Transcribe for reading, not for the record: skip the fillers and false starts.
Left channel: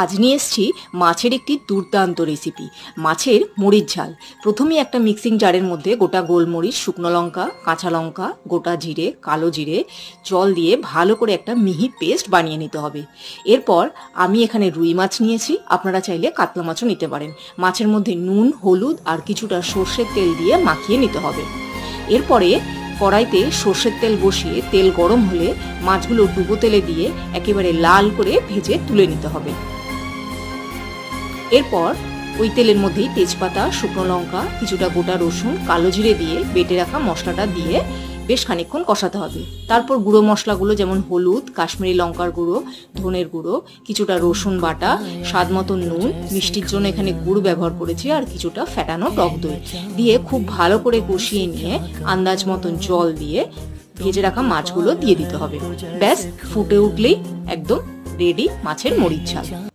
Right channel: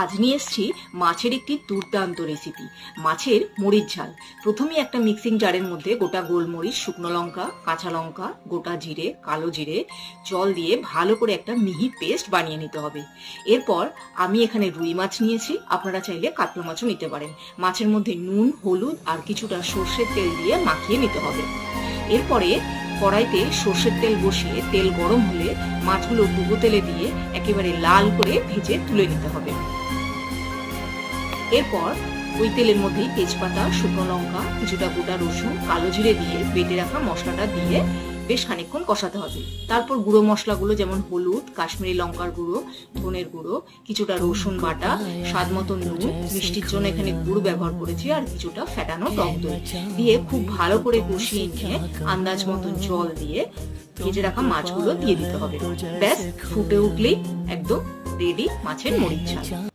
আজ নিয়ে এসেছি মাছের একটি দুর্দান্ত রেসিপি, মাছের মরিচ ঝাল। প্রথমে একটা মিক্সিং জারের মধ্যে গোটা গোলমরিচ, শুকনো লঙ্কা, কাঁচা লঙ্কা, গোটা জিরে, কালো জিরে, জল দিয়ে ভালো করে একটা মিহি পেস্ট বানিয়ে নিতে হবে। এরপর আমি এখানে রুই মাছ নিয়েছি, আপনারা চাইলে কাতলা মাছও নিতে পারেন। মাছের মধ্যে নুন, হলুদ আর কিছুটা সর্ষের তেল দিয়ে মাখিয়ে নিতে হবে। এরপরে কড়াইতে সর্ষের তেল বসিয়ে তেল গরম হলে মাছগুলো ডুবো তেলে দিয়ে একেবারে লাল করে ভেজে তুলে নিতে হবে। এরপর ওই তেলের মধ্যেই তেজপাতা, শুকনো লঙ্কা, কিছুটা গোটা রসুন, কালো জিরে দিয়ে বেটে রাখা মশলাটা দিয়ে বেশ খানিকক্ষণ কষাতে হবে। তারপর গুঁড়ো মশলাগুলো যেমন হলুদ, কাশ্মীরি লঙ্কার গুঁড়ো, ধনের গুঁড়ো, কিছুটা রসুন বাটা, স্বাদ মতো নুন, মিষ্টির জন্য এখানে গুড় ব্যবহার করেছি, আর কিছুটা ফেটানো টক দই দিয়ে খুব ভালো করে কষিয়ে নিয়ে আন্দাজ মতন জল দিয়ে ভেজে রাখা মাছগুলো দিয়ে দিতে হবে। ব্যাস, ফুটে উঠলেই একদম রেডি মাছের মরিচ ঝাল।